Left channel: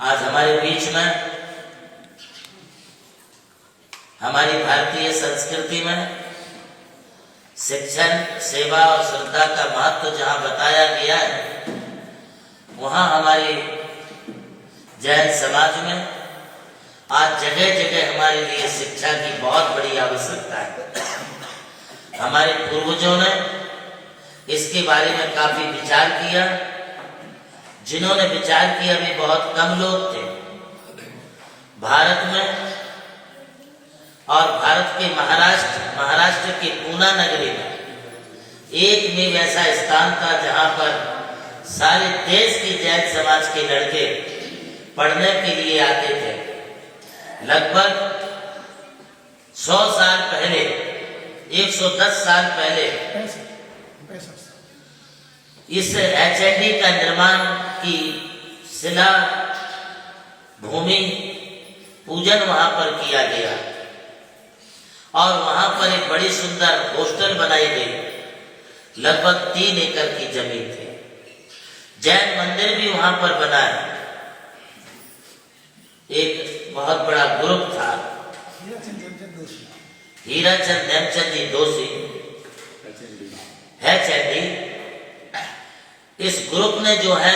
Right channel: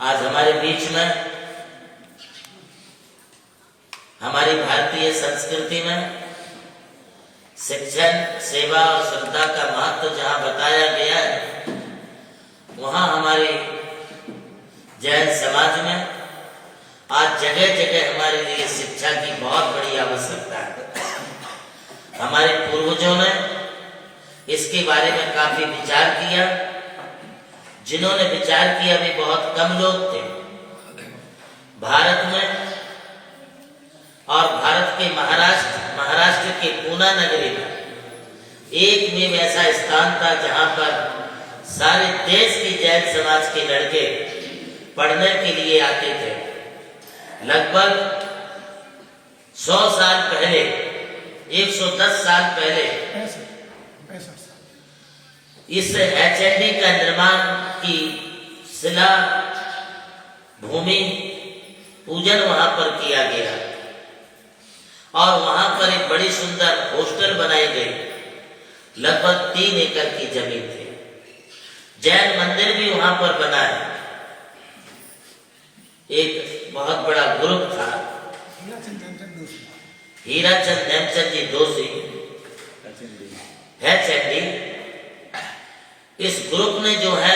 आज हमारे बीच में हमारी भारतीय संस्कृति में शिक्षण, सेवा और श्रद्धा का महत्व जहाँ बताया गया है, वहाँ हमारी जैन समाज में आज जगह जगह हमारे लिए शिक्षा की बहुत बड़ी आवश्यकता है। हमारे पूर्वजों ने इसके बारे में काफी विचार किया। जिन्होंने विचार किया भी बहुत कम लोग थे। भारत में और भारत के महाराष्ट्र के पूना नगरी में एक में ऐसा स्थान था जहां पर सारे देश की जैन समाज के लड़के पढ़ने के लिए आते थे। लगभग 100 साल पहले, 110 साल पहले इस एचएनडी का निर्माण की शिला भूमि पूजन वहां पर किया गया और वहां पर एक बड़ी सुंदर हॉस्टल बनाई गई। लगभग 3 एकड़ की जमीन थी। जैन मंदिर भी वहां पर बना है। एक बहुत बड़ा ग्रुप था, हीराचंद नेमचंद जी दोषी एचएनडी। इस ग्रुप ने जो है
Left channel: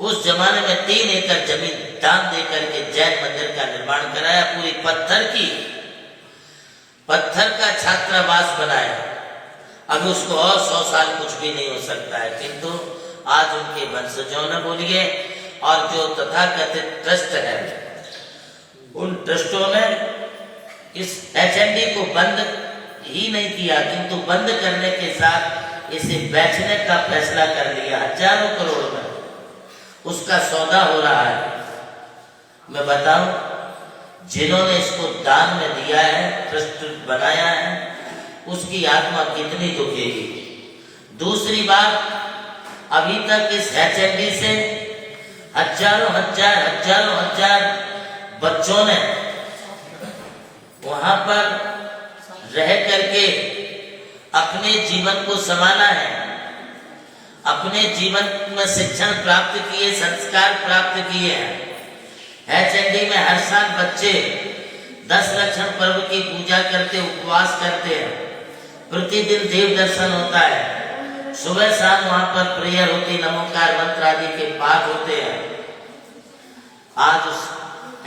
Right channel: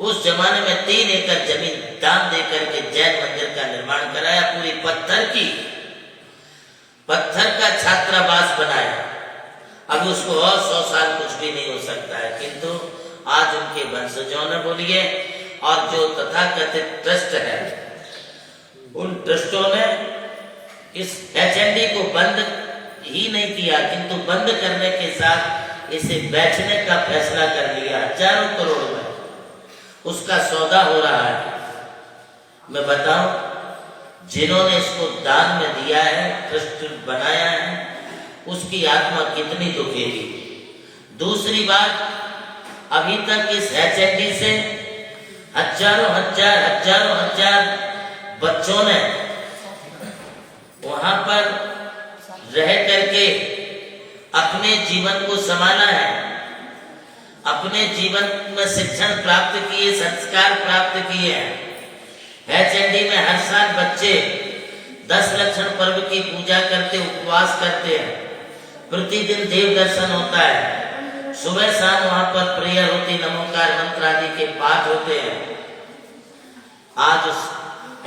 उस जमाने में 3 एकड़ जमीन दान देकर के जैन मंदिर का निर्माण कराया। पूरी पत्थर का छात्रावास बनाया। अब उसको और 100 साल कुछ भी नहीं हो सकता है, किंतु आज उनके वंशजों ने बोलिए और जो तथाकथित ट्रस्ट है, उन ट्रस्टों ने इस एचएनडी को बंद ही नहीं किया, किंतु बंद करने के साथ इसे बेचने का फैसला कर लिया। हजारों करोड़ में उसका सौदा हो रहा है। मैं बताऊं, जिन्होंने इसको दान में दिया है, ट्रस्ट बनाया है, उसकी आत्मा कितनी दुखेगी। दूसरी बात, अभी तक इस एचएनडी से हजारों हजार बच्चों ने वहां पर रह करके अपने जीवन को संभाला है, अपने जीवन में शिक्षण प्राप्त किए, संस्कार प्राप्त किए हैं। एचएनडी में हर साल बच्चे 10 लक्षण पर्व की पूजा करते, उपवास करते हैं। प्रतिदिन देव दर्शन होता है। सुबह शाम वहां पर प्रेयर होती, नमोकार मंत्र आदि के पाठ होते हैं। आज उस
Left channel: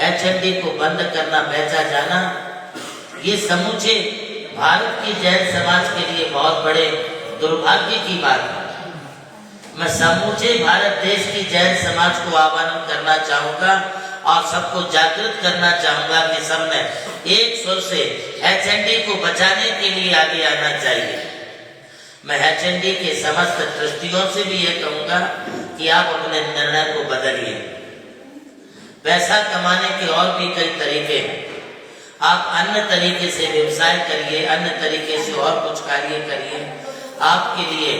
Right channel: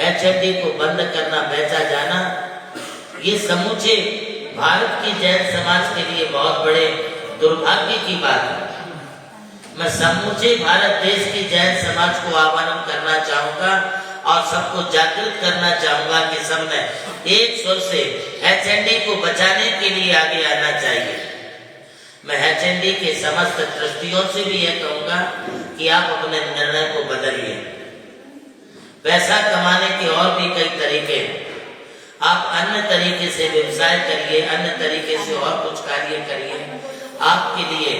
एचएनडी को बंद करना, बेचा जाना, ये समूचे भारत की जैन समाज के लिए बहुत बड़े दुर्भाग्य की बात है। मैं समूचे भारत देश की जैन समाज को आह्वान करना चाहूंगा और सबको जागृत करना चाहूंगा कि सबने एक स्वर से एचएनडी को बचाने के लिए आगे आना चाहिए। मैं एचएनडी के समस्त ट्रस्टियों से भी यह कहूंगा कि आप अपने निर्णय को बदलिए। पैसा कमाने के और भी कई तरीके हैं। आप अन्य तरीके से व्यवसाय करिए, अन्य तरीके से और कुछ कार्य करिए। आपके लिए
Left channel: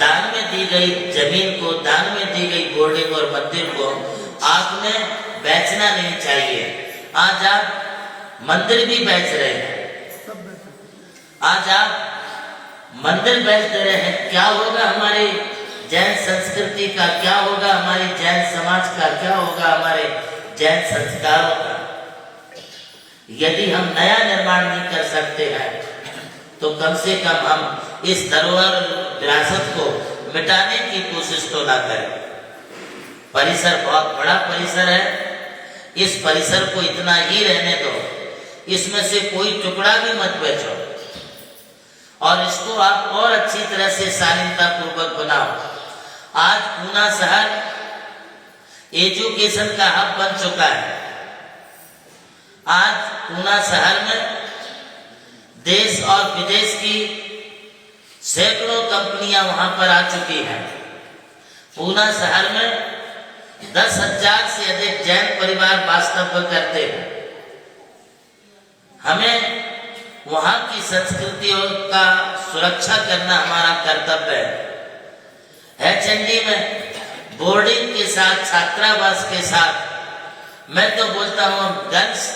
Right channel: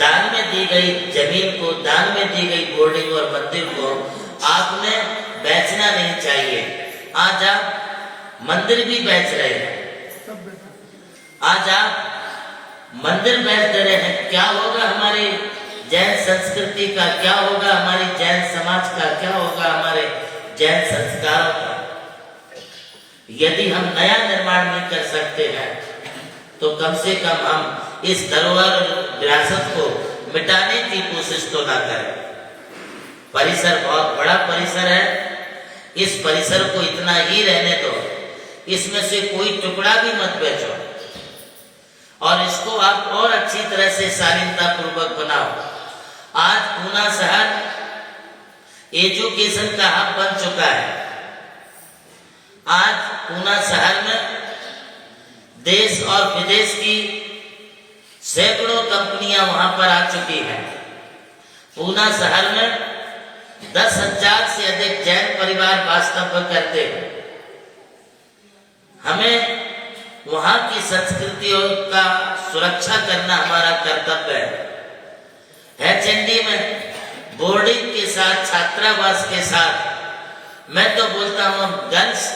दान में दी गई जमीन को, दान में दी गई बोर्डिंग और मंदिर को आपने बेचना नहीं चाहिए। आज आप मंदिर भी बेच रहे हैं। आज आप मंदिर बेच दे रहे हैं। क्या होगा हमारी जैन संस्कृति का, क्या होगा हमारी जैन समाज का, क्या होगा हमारे जैन संस्कारों का। यदि हम नया निर्माण नहीं कर सकते हैं तो कम से कम हम इस धरोहर विरासत को मिटाने की कोशिश तो ना करें। परिसर बहुत बड़ा परिसर है। इस परिसर को इतना ही रहने दो। इसमें से कोई टुकड़ा भी मत बेचो और इसको आप और अच्छी तरह से शालीनता पूर्वक बनाओ। आज पूना शहर एजुकेशन का हब बन चुका है। आज पूना शहर में देश और विदेश की सैकड़ों कंपनियां वहां पर आ चुकी हैं। पूना शहर में 10,000 से अधिक जैन परिवार वास्तव्य करते हैं। हमें वहां की संस्कृतियों का सुरक्षा करना हमारा कर्तव्य है। एचएनडी में बोर्डिंग के साथ, छात्रावास के साथ, मैं तो बोलता हूं गर्ल्स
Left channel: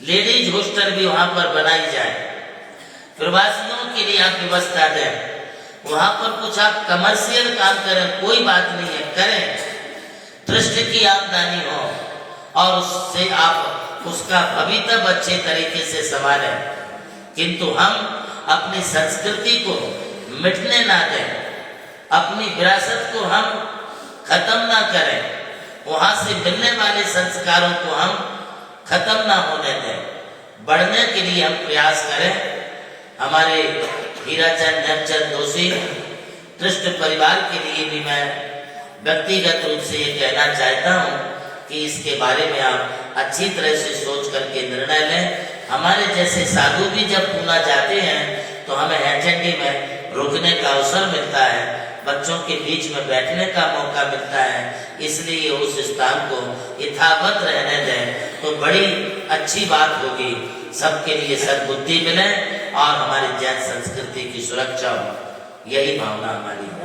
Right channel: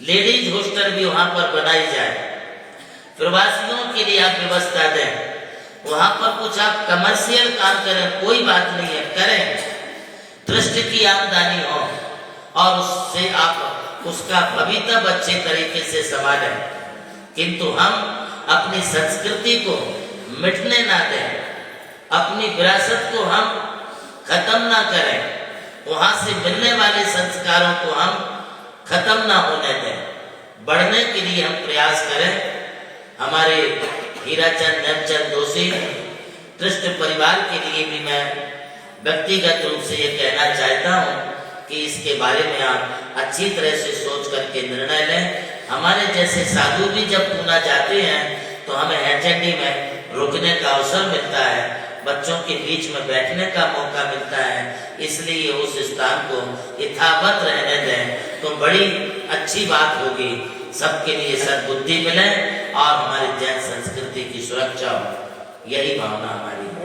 लेडीज हॉस्टल भी वहां पर बनाई जाए। प्रवासियों के लिए आप व्यवस्था दें। वहां पर कुछ आप कमर्शियल काम करें, कोई बात नहीं है, करें, ट्रस्ट की आमदनी हो और उससे आप उसका भवितव्य अच्छे तरीके से संभालें, किंतु हम अपनी संस्कृति को मिटने ना दें, अपनी विरासत को हम खत्म ना करें, वहां से मिलने वाले संस्कारों को हम खत्म ना होने दें, बढ़ने के लिए हम प्रयास करें। हमारे हीराचंद नेमचंद दोषी ट्रस्ट परिवार के लिए भी मैं व्यक्तिगत रूप से ये कहना चाहता हूँ कि इसके बारे में आप अच्छी तरह से सोच करके निर्णय लें। हमारे जैसे साधु भी जब पूना जाते हैं तो हमें एचएनडी में रुकने का अवसर मिलता है, बच्चों के बीच में बैठने का मौका मिलता है, इसलिए उस स्थान को यथावत रहने दें तो बड़ी अच्छी बात होगी। सबके लिए सद्बुद्धि मिले और हमारी जैन संस्कृति की सुरक्षा हो, यही भावना हमारी है।